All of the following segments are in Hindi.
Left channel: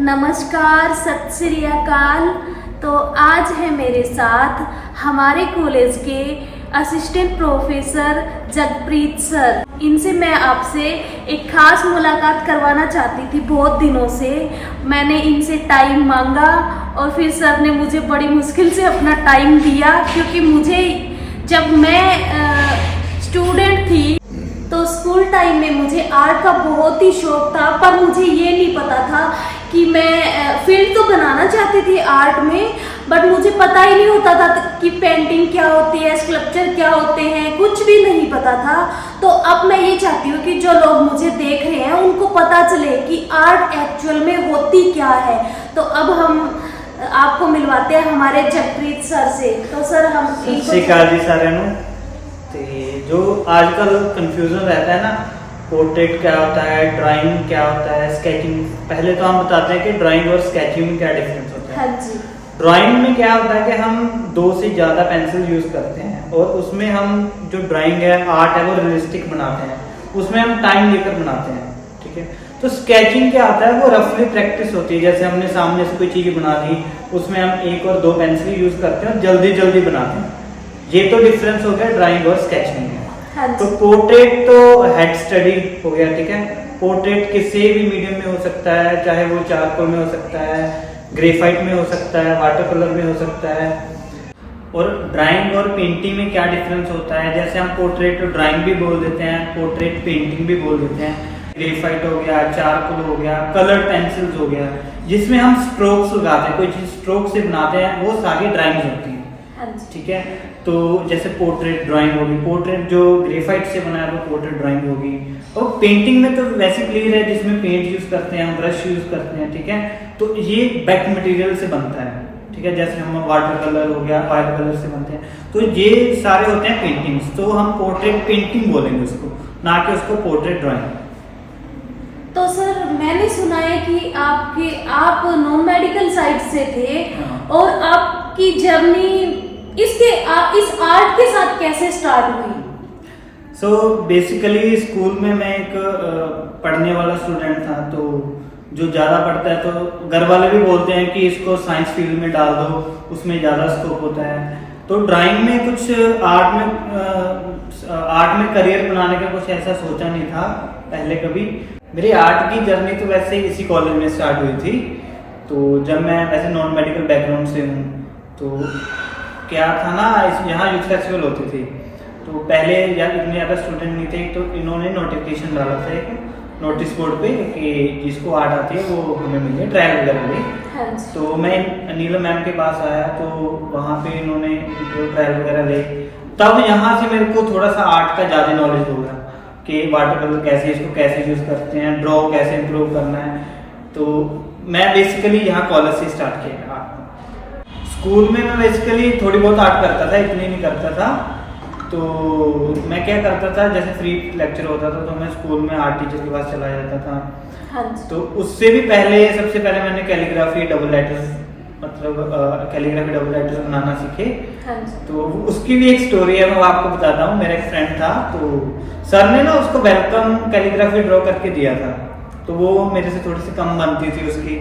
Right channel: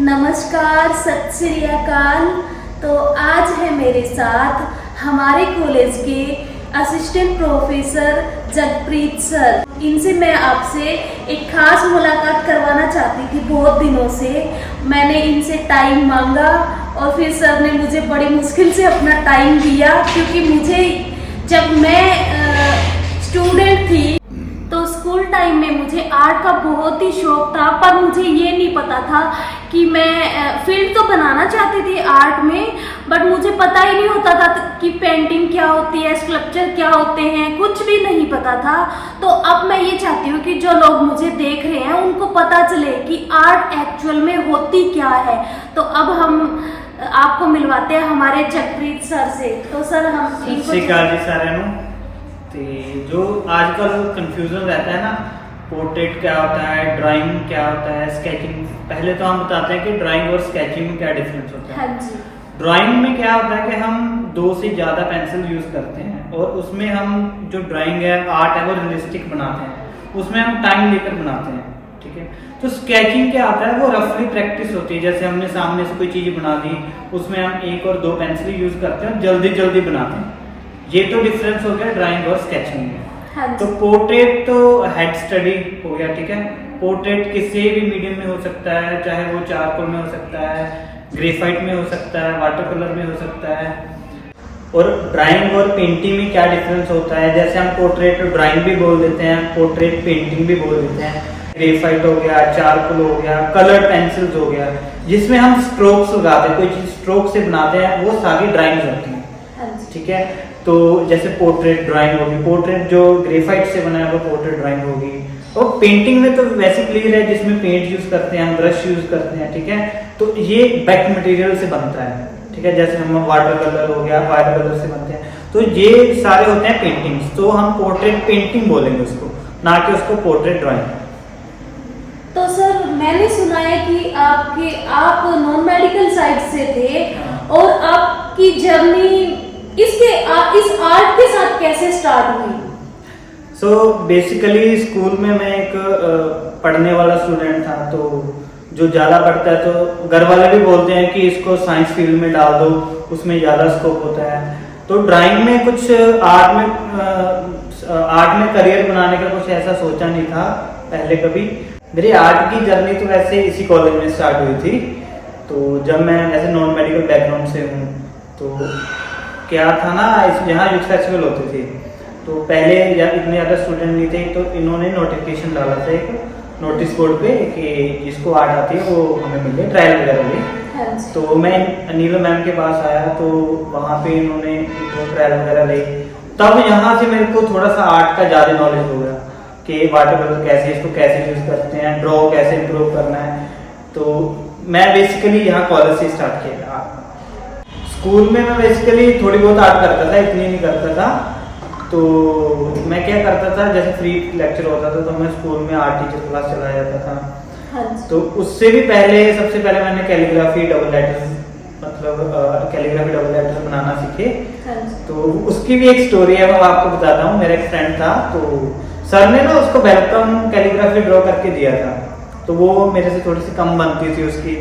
नमस्कार, सत श्री अकाल। तो आज है मेरे साथ हमारे कॉलेज के असिस्टेंट प्रोफेसर जगप्रीत सर। इनसे मैं आपसे एक खास मुलाकात करवाना चाहती थी। बहुत दिनों से मैंने इनसे टाइम मांगा और फिर सर ने मुझे बड़ी मुश्किल से अपना टाइम दिया, क्योंकि मुझे जब मैं स्टूडेंट थी तो स्कूल टाइम में मुझे आर्ट का बहुत ही शौक था, पर मुझे ये नहीं पता था कि मैं फील्ड तो बनाना चाहती थी आर्ट में, बट मुझे पता ही नहीं होता था कि पेंटिंग क्या होती है, स्कल्पचर क्या होते हैं, कुछ भी नहीं पता था। तो अब मैं ये चाहती हूँ कि जो लोग मुझे देख रहे हैं उनको पता चले कि आर्ट एक्चुअल में होती क्या है। तो अब हम आपको मिलवाते हैं हमारे जगप्रीत सर से। तो सर हम इनको जो आजकल कंफ्यूजन रहता है ना, पोर्ट्रेट क्या होता है, ड्राइंग क्या होता है, स्केचिंग। पहले तो हम बताते हैं कि ड्राइंग और स्केचिंग में क्या डिफरेंस होता है। हाँ जी। ड्राइंग में क्या होता है कि हम 2 से ज्यादा पेंसिल यूज करते हैं और उसमें हम जो ड्राइंग है, आर्ट है, वो रियलिस्टिक बनाते हैं, उसमें हम टाइम लेकर बनाते हैं। ठीक है। तो स्केचिंग क्या होता है, वो रफली प्रैक्टिस होती है। जैसे हमने सामने से कोई चीज बना दी, उसमें हम 1 और 2 पेंसिल यूज करते हैं और जल्दी जल्दी बनाते हैं। ये तो डिफरेंस हो गया ड्राइंग और स्केचिंग में। हाँ, तो पोर्ट्रेट तो हेड स्टडी हो गया। ठीक है। पोर्ट्रेट किसी भी मीडियम में हो सकता है, चाहे वो चारकोल में हो सकता है, ग्रेफाइट में हो सकता है, वाटर कलर में हो सकता है। और ड्राइंग और पेंटिंग में क्या डिफरेंस होता है, जैसे हम पोर्ट्रेट ड्राइंग भी बोल देते हैं, पोर्ट्रेट पेंटिंग भी बोल देते हैं। ग्रेफाइट हो गया, चारकोल हो गया, कलर पेंसिल्स हो गया, जिसमें हम स्ट्रोक्स लगाते हैं, कोई चीज स्ट्रोक से बनाते हैं, वो सारी ड्राइंग्स होती हैं। ठीक है। तो जैसे पोर्ट्रेट ड्राइंग होगी, पोर्ट्रेट जो ग्रेफाइट से बना है वो पोर्ट्रेट ड्राइंग होगी। और पेंटिंग में तो वैसे क्लियर है, जिसमें पेंट यूज करते हैं, हम ब्रश यूज करते हैं। ठीक है। तो ये वेट मटेरियल से बनता है। ठीक है। जैसे हम वाटर कलर हो गया, वाटर कलर से बनते हैं। तो ये सारे होते हैं पेंटिंग्स। तो हम पोर्ट्रेट पेंटिंग बोलेंगे उसको, ना कि उसको पोर्ट्रेट ड्राइंग। तो सर मैंने सुना है कि आप नॉन मेडिकल साइड से थे और आपकी जर्नी इस आर्ट के साथ कैसे स्टार्ट हुई? सो बेसिकली स्कूल में मैं एक पढ़ने वाला स्टूडेंट था। तो जो ज्यादा पढ़ता है तो घर वाले भी बोलते हैं कि इसको साइंस फील्ड में डाल दो, उसमें ज्यादा स्कोप होता है। तो ड्राइंग में कुछ आर्ट में करियर बनाने का कुछ ऐसा सोचा नहीं था पहले कभी। मेरी आर्ट की जर्नी तो वैसे इसी कॉलेज में स्टार्ट हुई थी। तो जब मैं ऐसे नॉन मेडिकल बैकग्राउंड से हूँ, तो क्या था ना, यहाँ यूथ फेस्टिवल होते थे। तो पहले जब इतने ज़्यादा स्टूडेंट नहीं थे, तो इन्होंने नोटिफिकेशन डाला था एक नोटिस बोर्ड पे कि जिसको आर्ट आती है वो हमें मिले, ट्रायल वगैरह ले। तो मैं नीलम मैम के पास आया, तो वहाँ पे इन्होंने ट्रायल वगैरह ले। तब यहाँ से मेरे को थोड़ा सा आर्ट का ज़्यादा नॉलेज हो गया कि वाटर कलर कैसे, इसको कैसे यूज करते हैं, ड्रॉ कैसे इम्प्रूव करना है। तो मैं बेसिकली यहाँ कॉलेज से स्टार्ट किया। स्कूल में मैं बेसिकली थोड़ी बहुत आर्ट करता था, इतनी नहीं करता था। तो मैं क्या करता था, जैसे फ्री लेक्चर होता था तो मैं स्कूल में आर्ट टीचर के पास चला जाता था। हाँ। तो उससे भी पहले, सबसे पहले मैंने कैलीग्राफी डबल लेटर्स बनाना सीखे। हाँ। तो उसकी भी एक स्टोरी है, मैं आपको बताता हूँ। मेरा एक फ्रेंड था, तो सर ने ना उसको वेलकम कैलीग्राफी ड्रॉ करके दिया था। तो वो मेरे से थोड़ी सी कम बनती थी उसकी।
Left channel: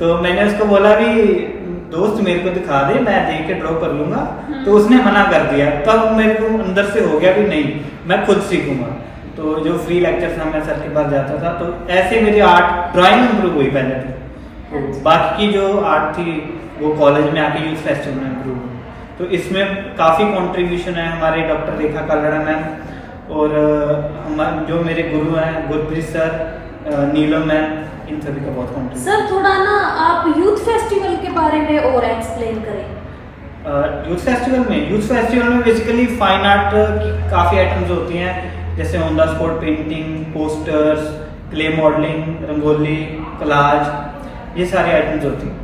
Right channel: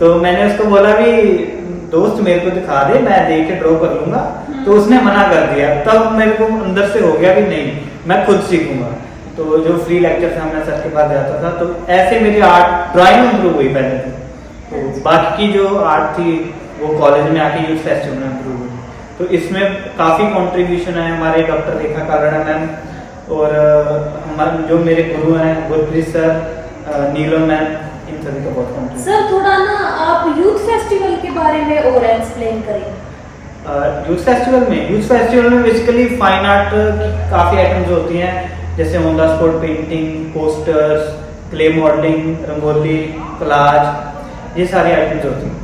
तो मैंने उसको बोला भी दोस्त मेरे को दिखा दे, मैं देख के ड्रॉ कर लूंगा। तो उसने मना कर दिया। तब मेरे को अंदर से हो गया भी नहीं, मैं खुद सीखूंगा। तो जो फ्री लेक्चर था मैं सर के पास जाता था। तो ऐसे मेरी आर्ट ड्राइंग इम्प्रूव हुई पहले तो बाकी की जो आर्ट थी वो कॉलेज में आके यूथ फेस्टिवल में इम्प्रूव हुई। तो इसमें काफी कंट्रीब्यूशन है हमारे डॉक्टर रेखा कालड़ा मैम और हमारे जो मेरे गुरु हैं गुरप्रीत सर, नीलम मैम, इन सभी का बहुत कॉन्ट्रीब्यूशन। सर थोड़ा ना आप यूथ फेस्टिवल के बारे में और एक्सप्लेन करें। यूथ फेस्टिवल में बेसिकली फाइन आर्ट की काफी आइटम्स होती हैं, जैसे on the spot painting, posters, clay modelling, rangoli, collage, ये सारी आइटम्स होती हैं।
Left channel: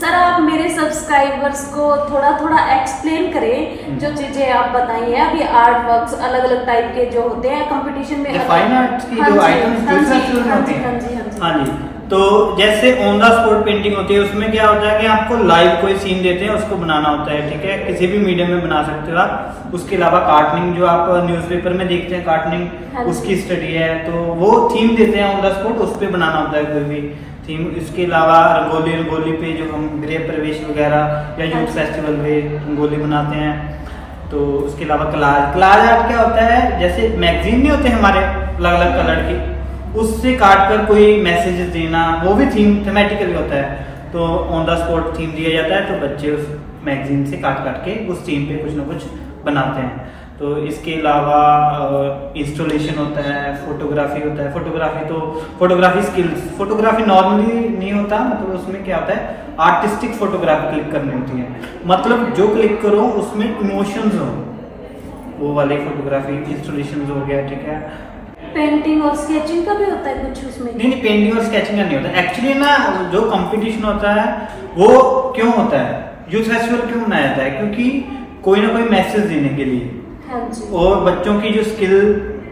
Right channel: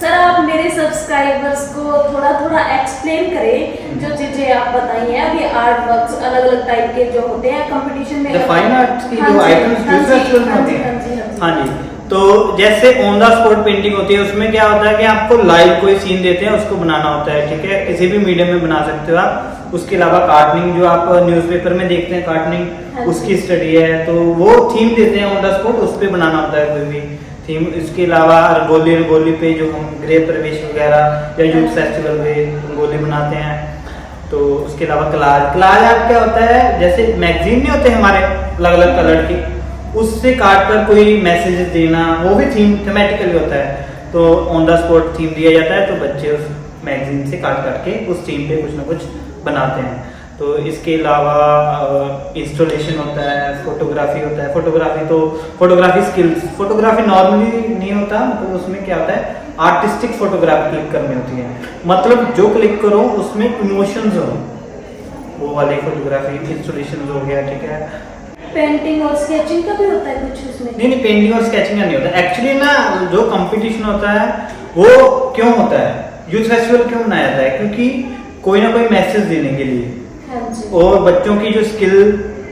सर आप मेरे सब्सक्राइबर्स को थोड़ा थोड़ा एक्सप्लेन करें जो चीजें आप बताई हैं। अब ये आर्ट वर्क्स अलग अलग टाइप के जो होते हैं कंपटीशन में, फाइन आर्ट की जो आइटम्स यूथ फेस्टिवल में होती हैं। हाँ जी। तो जैसे ऑन द स्पॉट पेंटिंग होती है, उसमें क्या होता है कि आपको लाइव कोई सीन देते हैं, उसको बनाना होता है। ठीक है। किसी भी मीडियम में बना सकते हो आप। उसके अलावा कार्टनिंग जो आप न्यूज़पेपर में देखते हैं कार्टनिंग, उसकी स्टडी है। तो वो थीम देते हैं ऑन द स्पॉट, उस पर बनाना होता है कोई भी। थीम। इसके अलावा रंगोली रंगोली पे जो हम गृह प्रवेश वगैरह या यूथ फेस्टिवल में रंगोली बनाते हैं। तो उसके अलावा कलाज आर्ट क्या होता है, जैसे मैगजीन नहीं होते हमारे अलग अलग कलर की, उससे काट कर कोई मैसेजेस देना, वो भी थीमेटिकली होता है। तो ऑन द स्पॉट थीम दिया जाता है, तो बच्चे उस मैगजीन से काट के उस थीम पे कुछ ना कुछ बनाते हैं। तो इसके अलावा इंस्टॉलेशन होता है, फोटोग्राफी होता है। फोटोग्राफी स्किल्स, फोटोग्राफी नॉर्मली नहीं होता, मतलब उसमें क्या होता है, आर्टिस्टिक फोटोग्राफी क्लिक करनी होती है, मतलब जो क्लिक करो उसमें इमोशंस हो, वो वाली फोटोग्राफी इंस्टॉलेशन हो गया, ठीक है। पेंटिंग और स्केचिंग का भी होता है कुछ उसमें? नहीं, पेंटिंग और स्केचिंग का नहीं होता एक्चुअली ना। जो कंपटीशन होता है वो क्यों होता है, यूथ फेस्टिवल क्यों मनाया जाता है, क्योंकि कोई ना कोई मैसेज देने के लिए, हाँ जी, और बच्चों की जो स्किल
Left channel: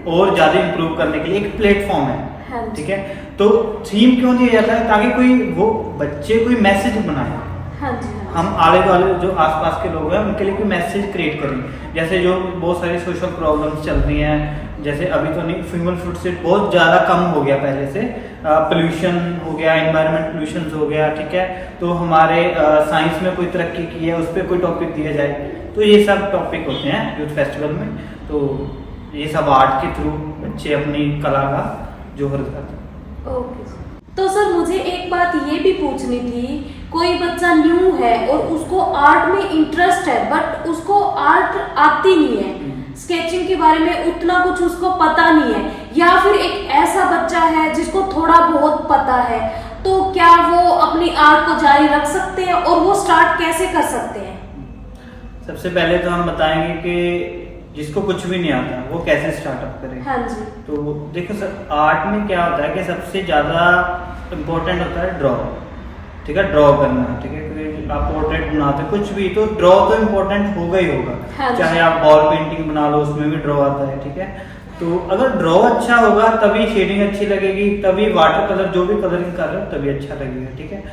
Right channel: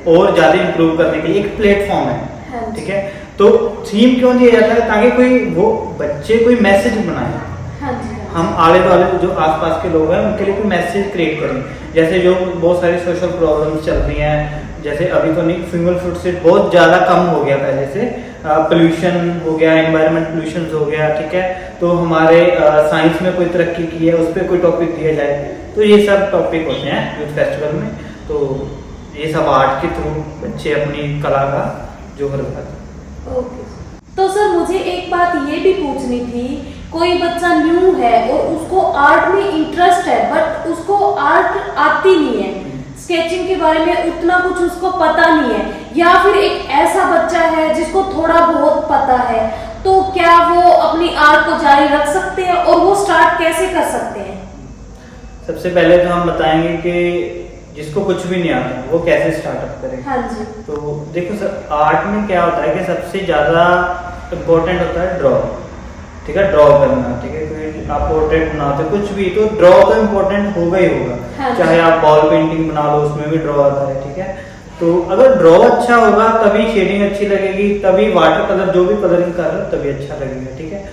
और ज्यादा इंप्रूव करने के लिए एक प्लेटफॉर्म है, हाँ जी, ठीक है। तो थीम क्यों दिया जाता है, ताकि कोई वो बच्चे कोई मैसेज बनाए, हाँ जी, हाँ हम आले दुआले जो आसपास के लोग हैं उनके लिए कोई मैसेज क्रिएट करें। जैसे जो बहुत सारी सोशल प्रॉब्लम्स चल रही हैं, जैसे अभी तो नहीं, फीमेल फुटस्टेप बहुत ज्यादा कम हो गया पहले से, पोल्यूशन हो गया, एनवायरमेंट पोल्यूशन हो गया, ठीक है। तो हमारे साइंस में कोई तरक्की की है, उस पर कोई टॉपिक दिया जाए, तो ये सब टॉपिक होते हैं यूथ फेस्टिवल में। तो ये सब आर्ट के थ्रू बच्चे अपनी कला का जोहर करते। ओके। तो सर मुझे एक बात ये भी पूछनी थी, कोई बच्चा न्यू है और उसको आर्ट में इंटरेस्ट है, बट उसको आर्ट आती नहीं है, स्केचिंग के बारे में उतना कुछ उसको पता नहीं है, या फिर एक ऐसा बच्चा है जिसको थोड़ा बहुत पता है, तो क्या वो अपनी आर्ट को जारी रख सकते हैं और वो स्टार्ट कैसे कर सकते हैं? सबसे पहले तो हम बताएंगे कि जिसको कुछ भी नहीं आता वो कैसे स्टार्टअप करे। हाँ जी। तो देखो सर, आर्ट में क्या होता है कि सबसे ज्यादा इम्पोर्टेंट होता है ड्रॉ, ठीक है, ड्रॉ करना, ठीक है। कोई आप पोर्ट्रेट बनाते कुछ भी, तो ड्रॉ तो इम्पोर्टेंट होगा ही होगा, हाँ, चाहे आप बॉल पेंटिंग बना लो, उसमें भी ड्रॉ आता है, ठीक है। तो अगर ड्रॉ अच्छा होगा तभी शेडिंग अच्छी लगेगी, तभी वाटर कलर जो भी कलरिंग कर रहे हो तभी अच्छा लगेगा, ठीक है।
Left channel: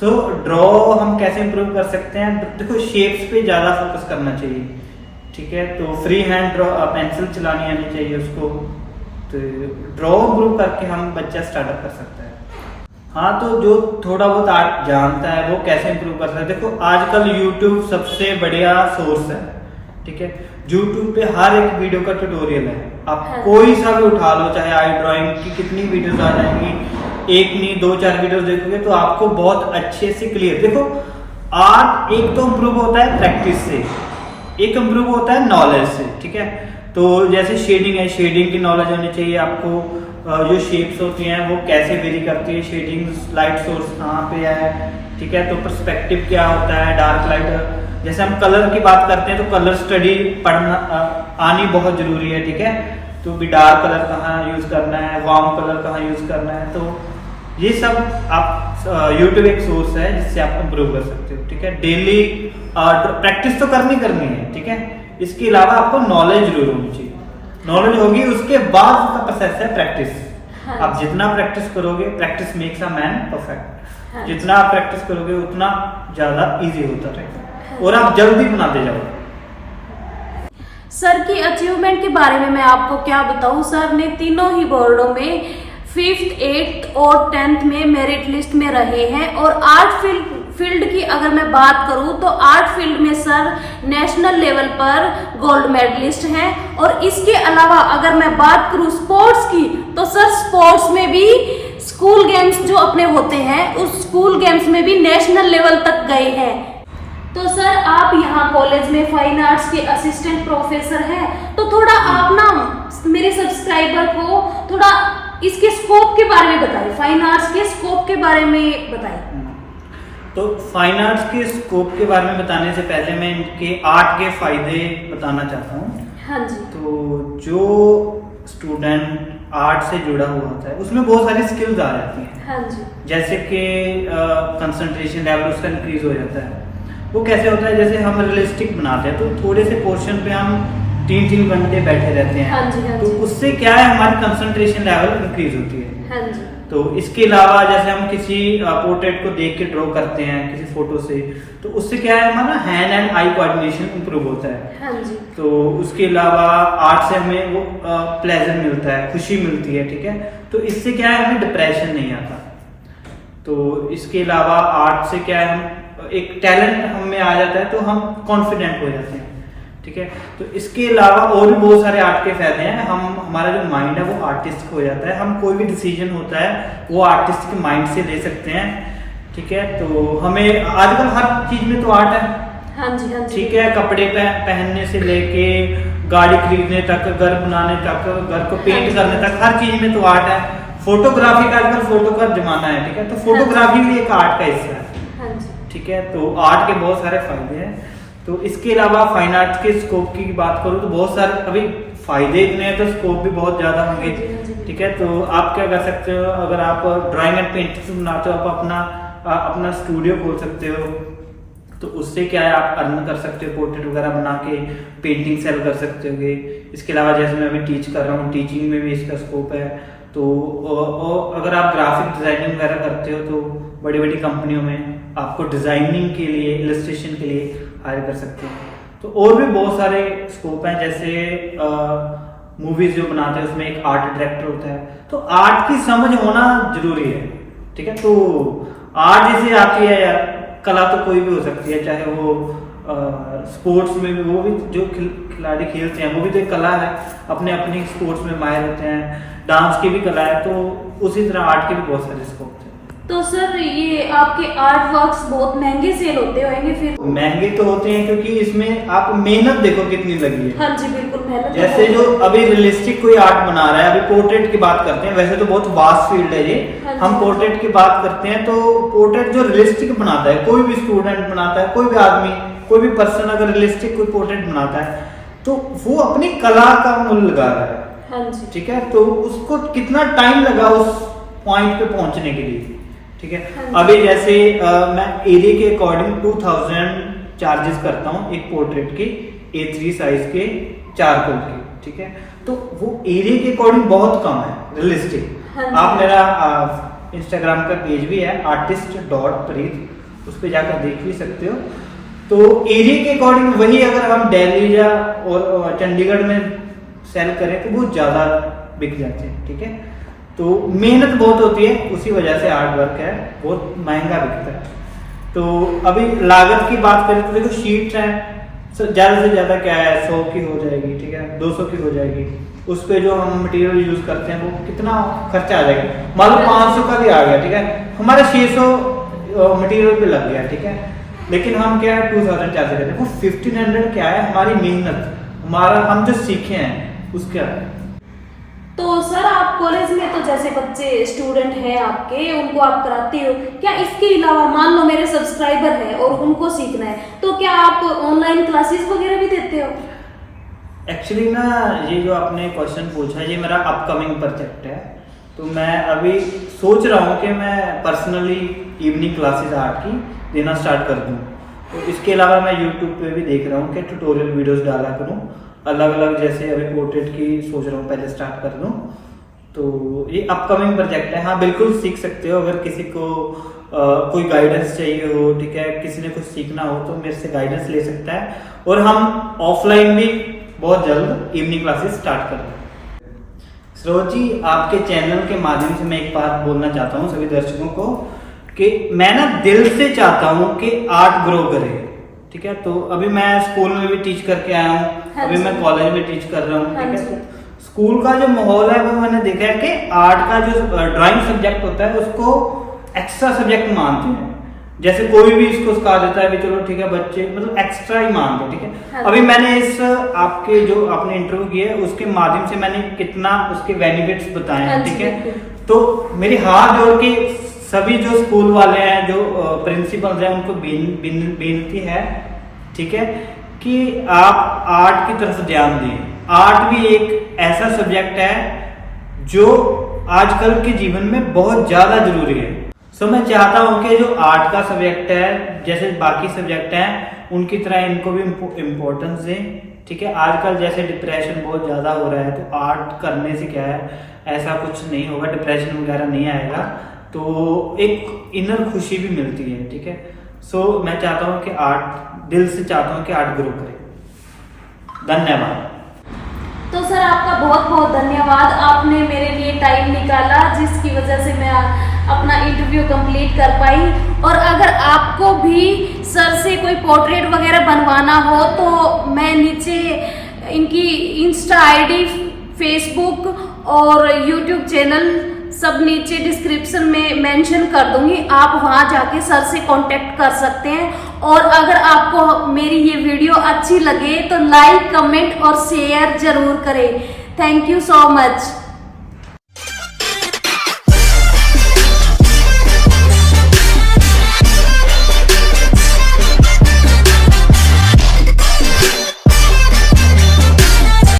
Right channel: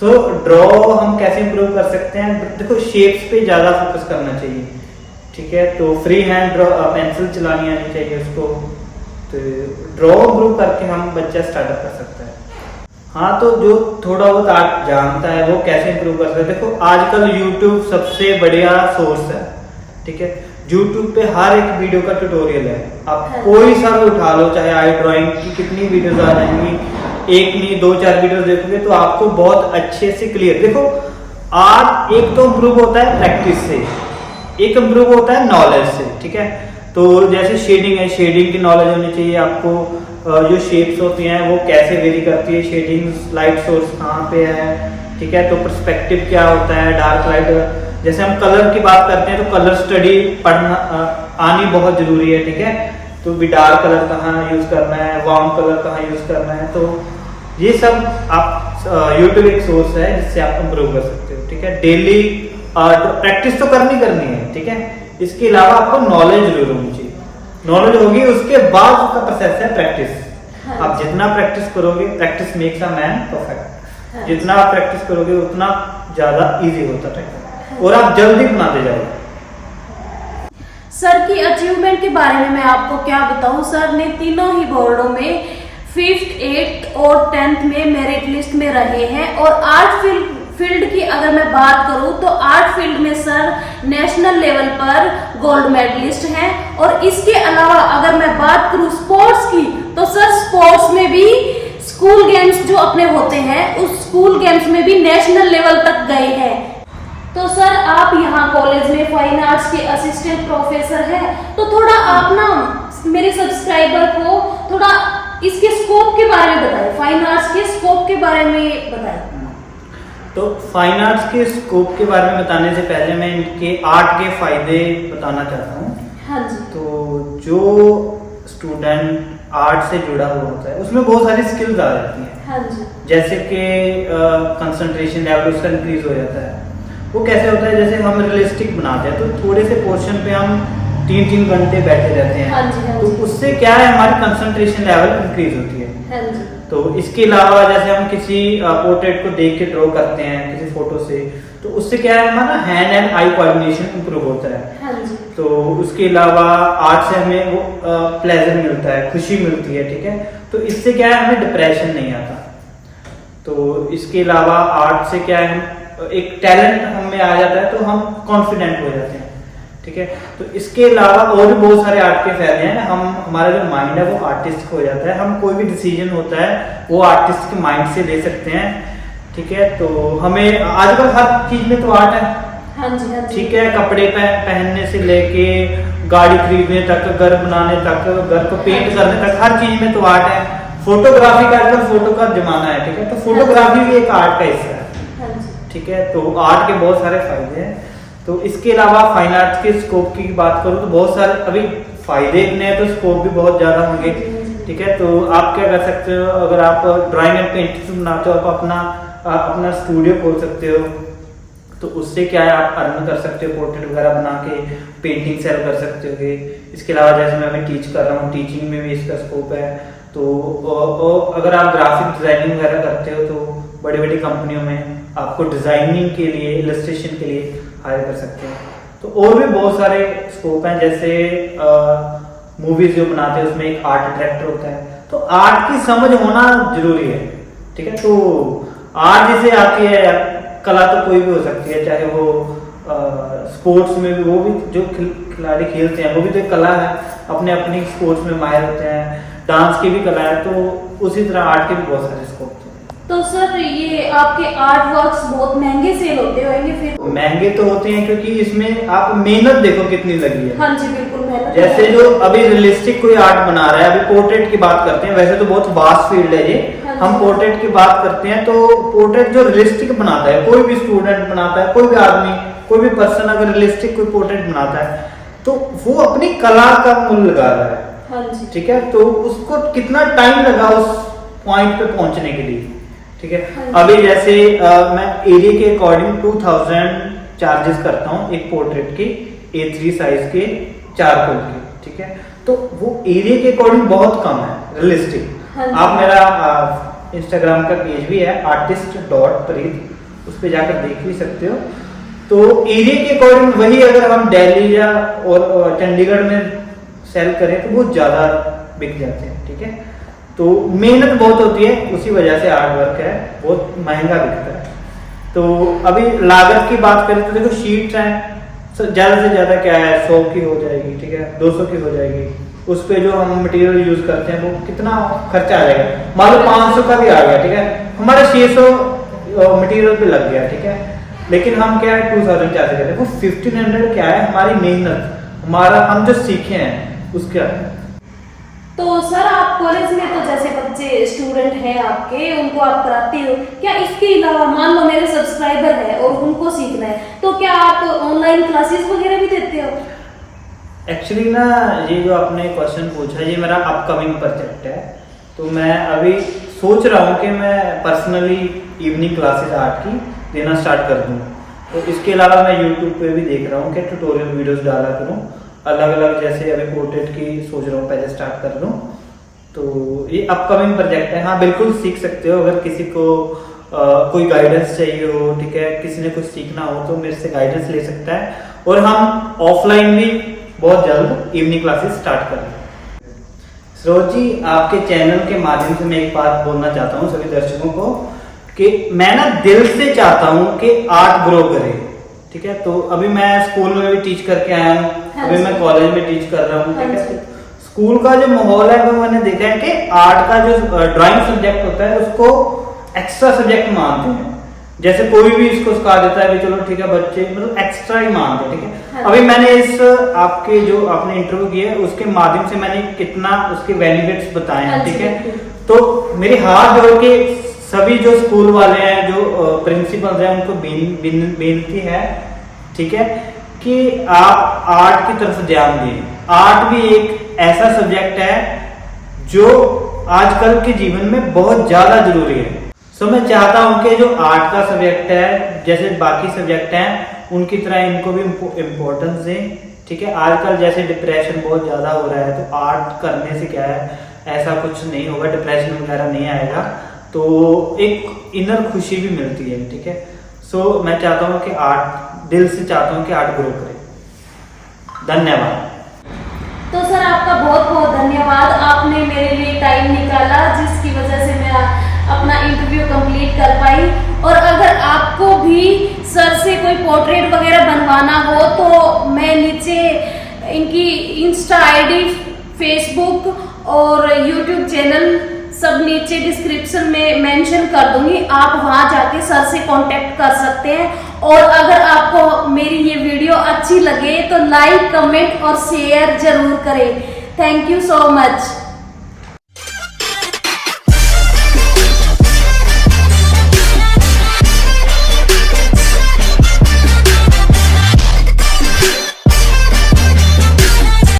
तो ड्रॉ हम कैसे इंप्रूव कर सकते हैं, देखो शेप्स पे ज्यादा फोकस करना चाहिए, ठीक है। तो फ्री हैंड ड्रॉ, पेंसिल चलानी आनी चाहिए उसको, तो ड्रॉ इंप्रूव करके हम बच्चा स्टार्टअप कर सकता है। हाँ, तो जो थोड़ा बहुत आर्ट जानता है वो कैसे इंप्रूव कर सकता है, देखो आजकल यूट्यूब सबसे बढ़िया सोर्स है, ठीक है। यूट्यूब पे हर एक वीडियो का ट्यूटोरियल है, आप कोई सा भी उठा लो, चाहे आई ड्राइंग की कितनी वीडियोस आ जाएंगी, एक नहीं 2-4 वीडियोस देखोगे तो आपको बहुत अच्छे से क्लियर। देखो आर्ट एक तो इम्प्रूव होता है प्रैक्टिस से, एक इम्प्रूव होता है नॉलेज से, ठीक है। तो जैसे शेडिंग है, शेडिंग की नॉलेज होनी चाहिए आपको, जो शेप्स होती हैं वो कैसे वेरी करती है, शेडिंग, लाइट सोर्स कहाँ पे है, ठीक है। तो पर्सपेक्टिव क्या होता है, डार्क लाइट, जैसे हम कलर की बात करते हैं तो कलर स्टडी पढ़ना आनी बहुत जरूरी है, ठीक है। तो भी डार्क कलर कहाँ यूज करना है, वार्म कलर कहाँ यूज करना है, तो ये सब आप यूट्यूब एक सोर्स है जिससे आप इम्प्रूव कर सकते हो, ठीक है। डेली प्रैक्टिस तो करनी है, ठीक है। इसके अलावा आपको नॉलेज जरूर होनी चाहिए, नॉलेज होगी उसके बाद उसका प्रोसेस है प्रैक्टिस। हाँ, आप जितना प्रैक्टिस करोगे, practice makes a man perfect, हाँ, जितना आप प्रैक्टिस करोगे उतना ज्यादा इजी होता रहेगा, और आप जल्दी बनाते जाओगे। सर की अचीवमेंट के बारे में मैं आपको क्या बताऊं, सर ने तीनों ही बोर्डों में 5th, 8th और 10th में मेरिट लिस्ट में रहे हैं। और आर्ट फील्ड की अगर मैं बात करूं तो आर्ट फील्ड में सर नेशनल लेवल पर गोल्ड मेडलिस्ट हैं। और इसके अलावा अगर मैं बात करूं स्पोर्ट्स की, तो सर स्पोर्ट्स में भी स्कूल गेम्स जो अपने होते हैं उस स्कूल गेम्स में भी नेशनल लेवल तक गए हैं। तो सर आप यहाँ कॉलेज में फाइन आर्ट्स के असिस्टेंट प्रोफेसर हैं, तो थोड़ा आप ना मेरे सब्सक्राइबर को थोड़ा इसके स्कोप के बारे में बताइए, फाइन आर्ट्स के स्कोप के बारे में बताइए। तो फाइन आर्ट्स के स्कोप के बारे में बताने से पहले मैं इनके आर्ट के फायदे बताना चाहता हूँ। हाँ जी। तो जो स्टूडेंट आर्ट से जुड़ा हुआ होता है उसमें बहुत सारी स्किल्स आ जाती हैं। हाँ जी। जैसे कि कंसंट्रेशन लेवल उसका इंक्रीज हो जाता है। वो कैसे होता है, जैसे हम रियलिस्टिक बनाते हैं तो थोड़े से पोर्शन पे हम 3-3 घंटे बैठे रहते हैं। हाँ जी, हाँ तो जी। उससे क्या है, हमारी कंसंट्रेशन लेवल इंक्रीज होती है। हाँ जी। तो इसके अलावा जैसे हम किसी पोर्ट्रेट को देख के ड्रॉ करते हैं किसी फोटो से, तो उससे क्या है, हमारा hand and eye coordination improve होता है। हाँ जी। तो उसके अलावा आर्ट से हमें वो प्लेजर मिलता है, खुशी मिलती है, ठीक है। तो इससे क्या है, हमें डिप्रेशन नहीं आता। तो इसके अलावा आर्ट से क्या है, हम एक टैलेंट हम में आ जाता है तो हम कॉन्फिडेंट हो जाते हैं, ठीक है। तो इसके अलावा और भी बहुत सारे आर्ट के फायदे हैं। हमारा जो माइंड है वो आर्टिस्ट हो जाता है, हम कोई भी डिसीजन होता है वो आर्टिस्ट के माइंड से ले सकते हैं, ठीक है। तो हमें आजकल हर चीज में तो आर्ट है, हाँ जी हाँ जी, ठीक है। कपड़े पहनने से लेके गाड़ी खरीदने तक, घर बनाने तक, घर को पेंट करने तक, हर चीज में तो आर्ट है। फोटोग्राफी का आजकल फोटो का जमाना है, ठीक है। तो फोटोग्राफी भी एक आर्ट का हिस्सा है, हाँ जी, ठीक है। तो आर्ट के बहुत सारे फायदे हैं। तो इसके अलावा फाइन आर्ट्स के स्कोप की बात करूँ तो बहुत सारे अभी फायदे इतने हैं तो स्कोप भी बहुत ज्यादा होंगे, ठीक है। तो आप क्या कर सकते हो, अगर आप ड्राइंग एंड पेंटिंग बनाते हो, आप अपना स्टूडियो खोल सकते हो। तो उससे क्या है, आप अर्न कर सकते हो, पोर्ट्रेट वगैरह बना के पेंटिंग सेल कर सकते हो। इसके अलावा जैसे मैं टीच कर रहा हूँ, टीचिंग में भी इसका स्कोप है। तो अगर आप ग्राफिक डिजाइनिंग वगैरह करते हो तो बड़ी बड़ी कंपनियों में आपको डिजाइनिंग के लिए, इलस्ट्रेशन के लिए हायर कर सकते हैं। तो और भी बहुत सारे स्कोप हैं, जैसे मूवीज जो बनाते हैं उसमें एक आर्ट डायरेक्टर होता है। तो आर्ट की समझ होना जरूरी है, ठीक है। तो आर्ट जैसे आती है, कला तो कोई भी हो सकती है, चाहे वो स्पोर्ट्स में भी, वो भी जो खिलाड़ी खेलते हैं वो भी तो एक कला है, अपने अपने स्पोर्ट्स में माहिर होते हैं। डांस की भी कला है, तो उसी तरह आर्ट के भी बहुत सारे स्कोप हैं। तो सर ये आपके आर्ट वर्क्स बहुत महंगे सेल होते होंगे फिर? महंगे तो होते हैं क्योंकि इसमें आप मेहनत देखो कितनी लगी है। हाँ जी बिल्कुल, मेहनत। जैसे जो अभी रियलिस्टिक कोई आर्ट बना रहा है, अभी पोर्ट्रेट की बात करते हैं, वैसे तो बहुत वास्ट फील्ड है ये। हाँ हम पोर्ट्रेट की बात करते हैं तो पोर्ट्रेट जो रियलिस्टिक बनाता है, कोई भी स्टूडेंट बनाता है, कोई भी आदमी, कोई भी पर्सन अगर रियलिस्टिक कोई पोर्ट्रेट बनाता है तो वो अपनी कला का मूल्य लगा रहा है, हाँ जी, ठीक है। तो उसको कितना टाइम लगा उस पॉइंट पे पहुंचने के लिए, ठीक है। हाँ अभी जैसे मैं एरिया के अकॉर्डिंग 2000 चार्जेस करता हूँ एक पोर्ट्रेट की, A3 साइज के चारकोल के, ठीक है। तो वो एरिया के अकॉर्डिंग बहुत कम है, रियलिस्टिक। हाँ आप मेरा इंस्टाग्राम का पेज भी है artist.preet, उस पर जाकर देख भी सकते हो। तो एरिया के अकॉर्डिंग वही अगर हम दिल्ली या और चंडीगढ़ में सेल करें तो बहुत ज्यादा बिक जाते हैं, ठीक है। तो मेहनत बहुत होती है, उसी वजह से हार्ड वर्क है, बहुत महंगा बिकता है। तो अभी लागत की बात करें तो देखो शीट्स हैं, ज्यादा से ज्यादा क्या है 100 की हो जाएगी, ठीक है, 200 की हो जाएगी। उस पे जो हम मटेरियल यूज करते हैं वो कितना खर्चा आ जाएगा, मान लो 500 का भी आ गया, ठीक है, हमारा 600 मटेरियल पे लग गया, ठीक है। लेकिन हम क्या है 2000 चार्ज करते हैं, वो 1500 क्या है, हमारी मेहनत, हमारा हम जो सीखे हैं उसका। तो सर आप कॉलेज में तो जैसे बच्चे स्टूडेंट हैं आपके, उनको आप कराते हो क्या? इसके अलावा मान लो मेरे सब्सक्राइबर हैं और उनको सीखना है, तो क्या आप ऑनलाइन क्लासेस वगैरह भी देते हो? एक्चुअली ना ये जो आपने क्वेश्चन पूछा, ये मेरा अपकमिंग प्रोजेक्ट है। तो मैं अभी सोच रहा हूँ कि मैं पर्सनली इवनिंग क्लासेस आर्ट की देना स्टार्ट कर दूँ। तो इसके अलावा मैं यूट्यूब पे भी देख रहा हूँ कि ट्यूटोरियल वीडियोस डाला करूँ अलग अलग, जैसे अभी पोर्ट्रेट की सोच रहा हूँ पहले स्टार्ट कर दूँ। तो ये अपकमिंग प्रोजेक्ट है। हाँ बिल्कुल सीख सकते हो, अगर किसी को कोई गाइडेंस चाहिए हो, ठीक है, किसी ने कुछ सीखना हो तो मेरे से गाइडेंस ले सकता है। और हम ऑफलाइन भी बहुत जल्द इवनिंग क्लासेस स्टार्ट कर रहे हैं। सरोज जी, आपके चैनल के माध्यम से मैं एक बात बोलना चाहता हूँ सभी दर्शकों को कि मैं ना दिल से चाहता हूँ कि आर्ट ग्रो करे, ठीक है। तो अभी मैं स्कूल में भी टीच करके आया हूँ, अभी मैं कॉलेज में टीच कर रहा हूँ, ठीक है। तो स्कूल का जो माहौल है वो मैंने देखा है कि आर्ट का जो ड्राइंग सब्जेक्ट होता है उसको एक्स्ट्रा सब्जेक्ट मानते हैं। जैसे कोई भी इसको सिखा देता है कि चलो ठीक है, बच्चे मतलब एक्स्ट्रा ही मानते हैं, ठीक है। अभी मैंने इस आपके जो आपने इंटरव्यू किया उसके माध्यम से मैंने कितना उसके बेनिफिट्स बताए हैं, ठीक है। तो मेरे हाथ जोड़ के सभी जो स्कूल वाले हैं, जो प्रिंसिपल्स हैं, उनको बेनती है, ठीक है, कि आप आर्ट की तरफ ध्यान दें। आर्ट भी एक ऐसा सब्जेक्ट है जो आजकल के जीवन में बहुत ज्यादा जरूरी है। तो मैं चाहता हूं कि जो आर्ट का सब्जेक्ट है, जैसे बाकी सब्जेक्ट हैं उनकी तरह इनको भी इम्पोर्टेंस दें, ठीक है। आजकल जैसे डिप्रेशन बहुत ज्यादा हो रहा है, तो आर्ट करने से क्या है, ऐसा कुछ नहीं होगा, डिप्रेशन वगैरह नहीं आएगा, तो एक इनर खुशी भी मिलती है, ठीक है। सो मैं चाहता हूँ कि आर्ट, दिल से चाहता हूँ कि आर्ट ग्रो करे। धन्यवाद। तो सर आपका बहुत बहुत धन्यवाद, आपने मेरे लिए टाइम निकाला, जिसकी वजह से मैं अपना इंटरव्यू कंप्लीट कर पाई। और अगर आपको भी सर से कोई पोर्ट्रेट वगैरह बनवाना हो तो मैं नीचे इनकी इंस्टा आईडी, फेसबुक और यूट्यूब चैनल सब नीचे डिस्क्रिप्शन में मेंशन कर दूंगी, आप वहां जाके सर से कांटेक्ट कर सकते हैं। और अगर आपको मेरी ये वीडियो अच्छी लगे तो लाइक, कमेंट और शेयर जरूर करें। Thank you so much.